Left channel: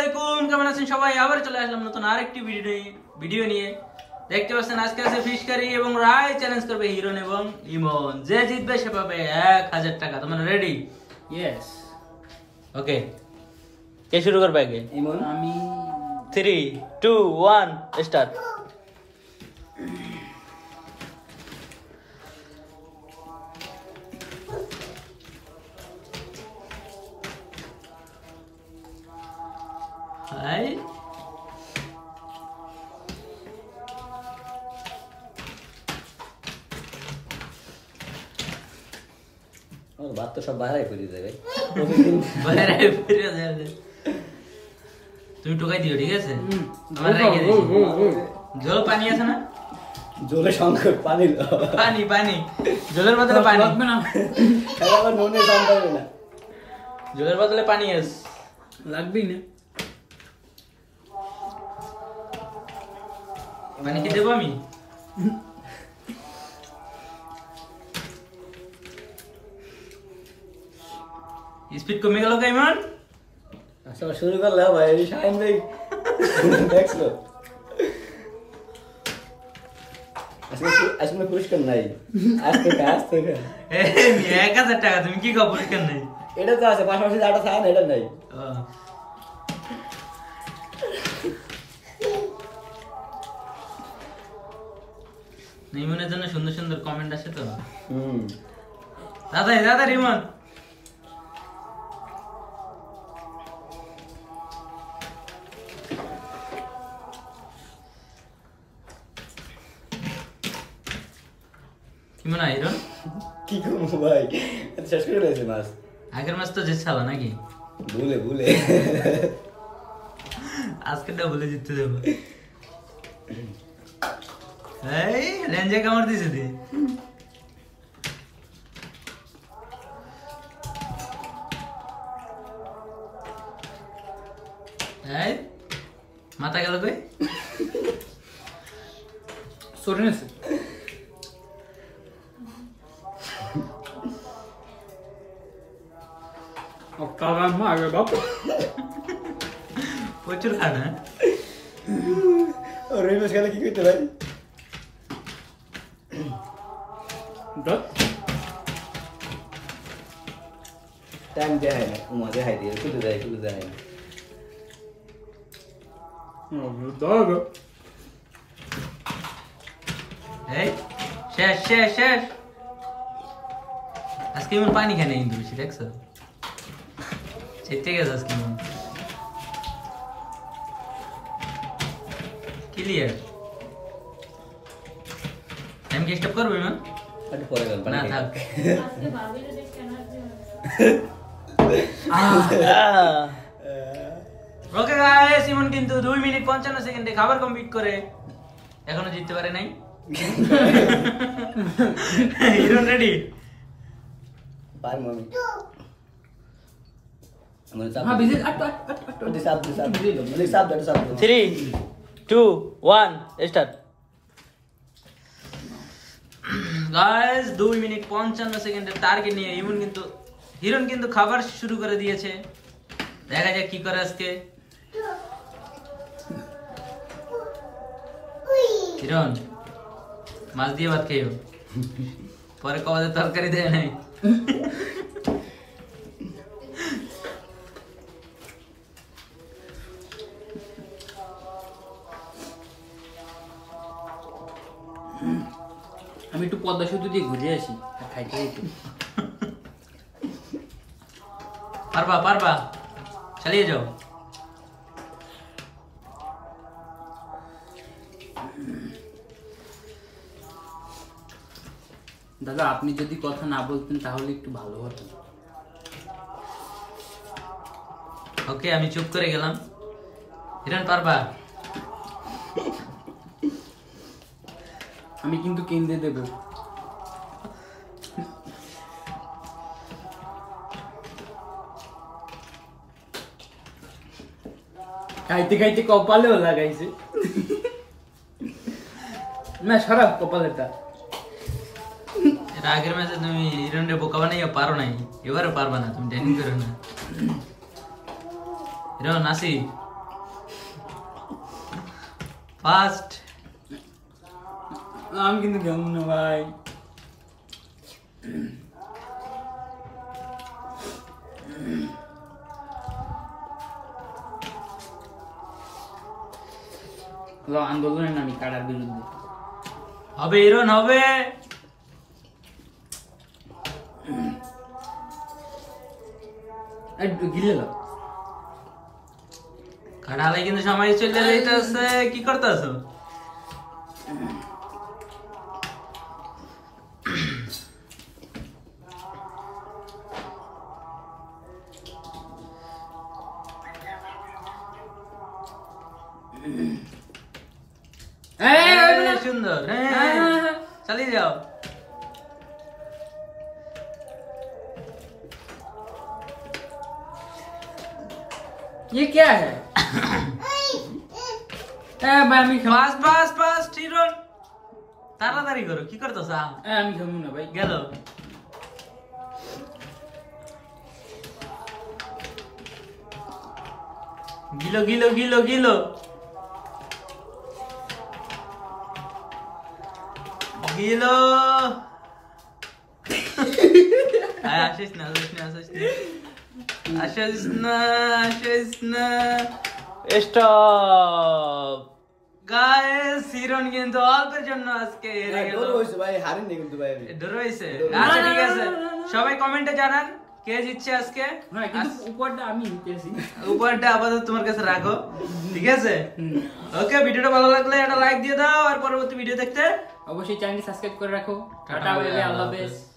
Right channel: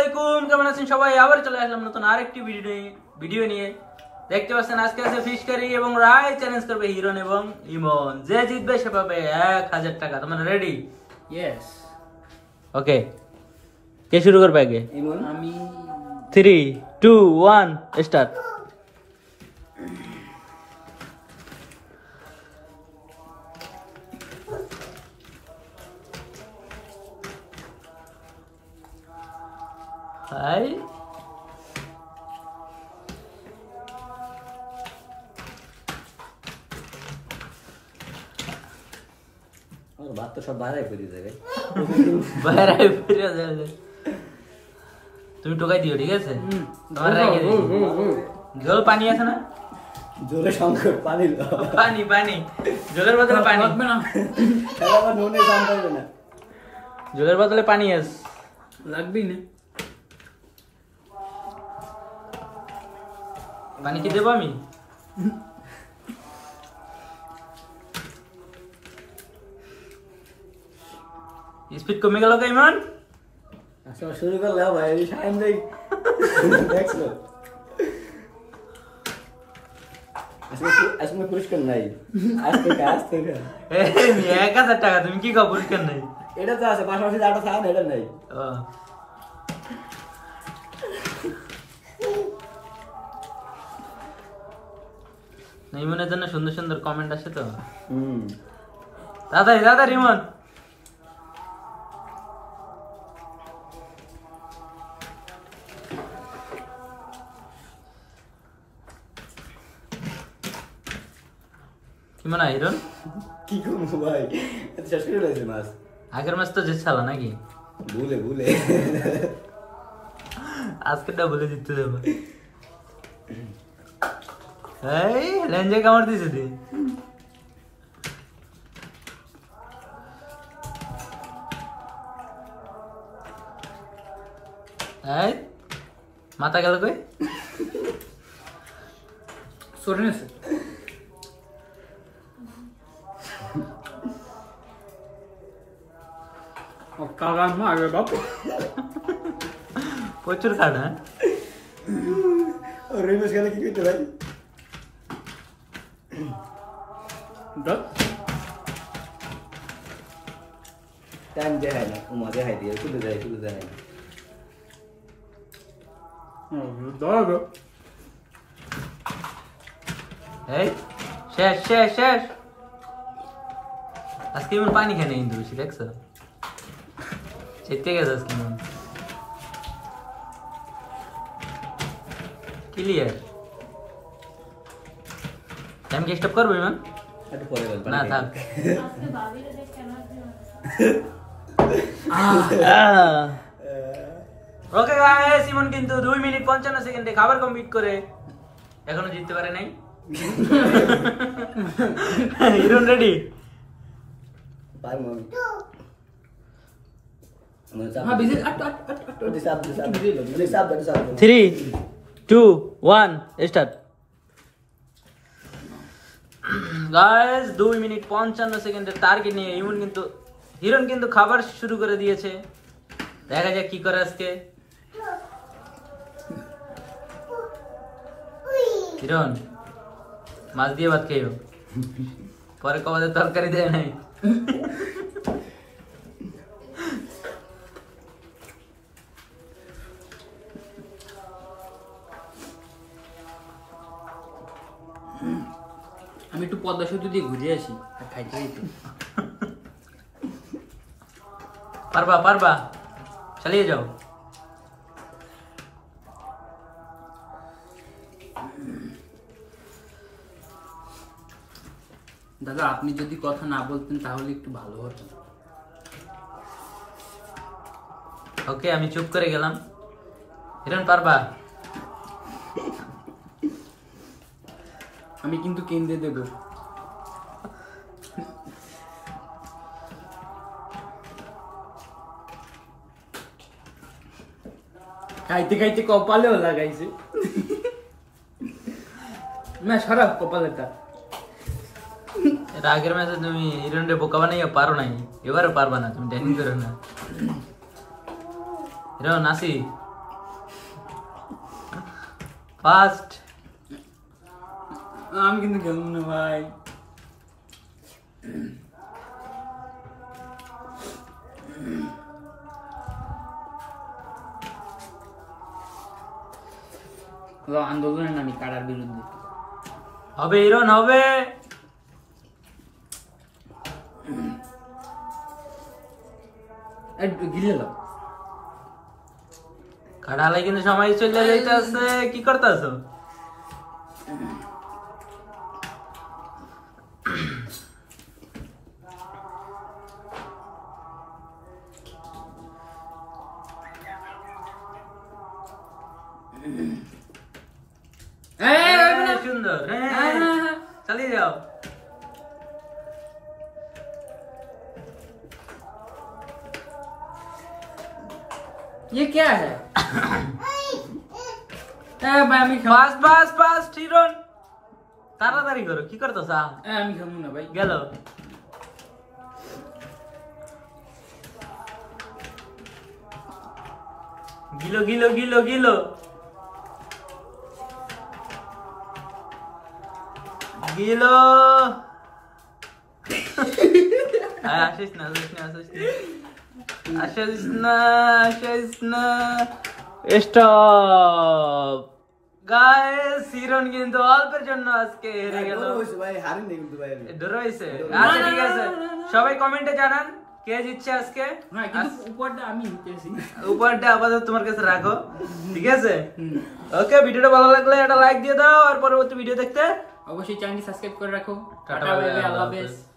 আলাইকুম, কেমন আছেন সবাই? আবার চলে আসলাম নতুন আরেকটি ভিডিও নিয়ে। দেখতে পাচ্ছেন আজকে আছে ফিশ কারি এবং রায় চ্যালেঞ্জ করবে হিরন এবং ইমন। যে জিতবে সে পাবে 1000 টাকা। তোমরা রেডি? ইয়েস। ওকে, কে শুরু করবে আগে? ইমন। আমি 3 2 1 স্টার্ট। হাই ভাত তো সব বাইরে করে দেবে। বাইরে ফিরে যাবে। তুমি টোকাই দিও, ঠিক আছে? তোমার রেখে দিই। জল পানি আছে না? জলে সংকট, পানি পানি পানি জলের বদলে পানি লাগবে না। আবার নুনে দাম পাবে না। জলের বদলে পানি আছে, লাগবেই না। পানি কি দেবো আমি? স্পিড কমে গেল কেমন? আচ্ছা শুরু করলে ভাই, শাইন ভাই দেখছো আসলে পুরস্কার নাই। আজকে 1000 টাকা। তুমি কি খাও পুরস্কার নাই? এটা তো আছে, পাশাপাশি যেটা থাকে এটা নাই। ইমনের জন্য সুন্দর সুন্দর কমেন্ট আসে তো। দাদা ইমন কি মনে হয় হিরন? কি করবো ভাই, শেষ করে ফেলেছে মাছ। আগের মাস তো জিতছালা নাকি? ভুলে আজকেরটা ভুলে জিততে যাবো। এই লেঞ্জে কামড় দিছে দি। এই মাথা গেল কই? সরে নেছে। প্রচুর খানা। রেমেশ গেলে কি করতে ভাই? টাইম দেখায় না, উমা দেখাই দিয়ে শুধু দেখায় না। এই শেষ। আজকে ইমন পানি খায় না কিন্তু বেশি, দেখছো? চেতে গেছে আজকে ইমন। ক্লিয়ার। টাইম কি স্টপ করবে ইমন? একটু পরে গেল না থাক। ওকে গাইস, ইমন কিন্তু 2 মিনিট 55 সেকেন্ডে খাবার কমপ্লিট করে এখনো জিততে পারে নাই। হিরন রেডি? পারবো আমি। হ্যাঁ বিজি 3 2 1 স্টার্ট। গাইস 2 মিনিট 55 সেকেন্ডের টার্গেট নিয়ে হিরন কিন্তু খাবার শুরু করে দিয়েছে। দেখা যাক কি করে আজকে। হিরন মাছ দিয়ে ভাত খেয়েও, পরে কবাতে তরকারি দেয় নাই। আমি একটু পদ্মা সেতু দিয়ে ঘুরে আসি, খাইতে খাইতে। পারবা চালিয়ে যাও। দাদা আপনি যদি কথা না বলতেন তাহলে একটু ভালো হতো। ওকে, আমি চুপ করে গেলাম। হিরন পারবা? আমি কিন্তু কেন্দ্রে দেব। খাইতে খাইতে কপালেও লাগাইছে। না সরাব কপালেটা। এর আগের ম্যাচে তুমি হিরনরে বোকা বানাইয়া পারো নাই, এবারে পারবা না। তুমি ট্রেনিং করো না। হিরন আসি ফার্স্ট আমি কিন্তু খেলবো না ভাই। আন্দোলনের নামি কারার বিরুদ্ধে হবে হিরন হবে। গিলে লো কাটালে কিন্তু সময় চলে যাইতেছে, কি করতেছো? সুন্দর, চালিয়ে যাও। ये क्या है? ভাই আমি পাস পাস পাস হিরন, তাড়াতাড়ি করো, কি করতেছ? আমি খেলবো না ভাই। গেল গিলো গিলো গিলো গিলো গিলো। আসিস না আসিস না আসিস না আসিস না আসিস না। স্টপ গাইস, হিরন কিন্তু অল্পের জন্য আজকে হেরে গেল। ভাই হারিনি কিন্তু ভাই আমি। ডর হইছে। আচ্ছা ঠিক আছে, সবাই কমেন্টে জানান কে জিতছে আজকে। না কিন্তু উপরটা আমি জিতেছি। উপরটা আপাতত তোমার কাছে রাখো, ঠিক আছে? ওকে, ভিডিওটা ভালো লাগলে একটা লাইক দিয়ে দাও, আর পরবর্তী ভিডিও দেখতে অবশ্যই চ্যানেলটি সাবস্ক্রাইব করে রাখো। টাটা, টাটা, বাই বাই, আল্লাহ আল্লাহ হাফেজ। হাফেজ।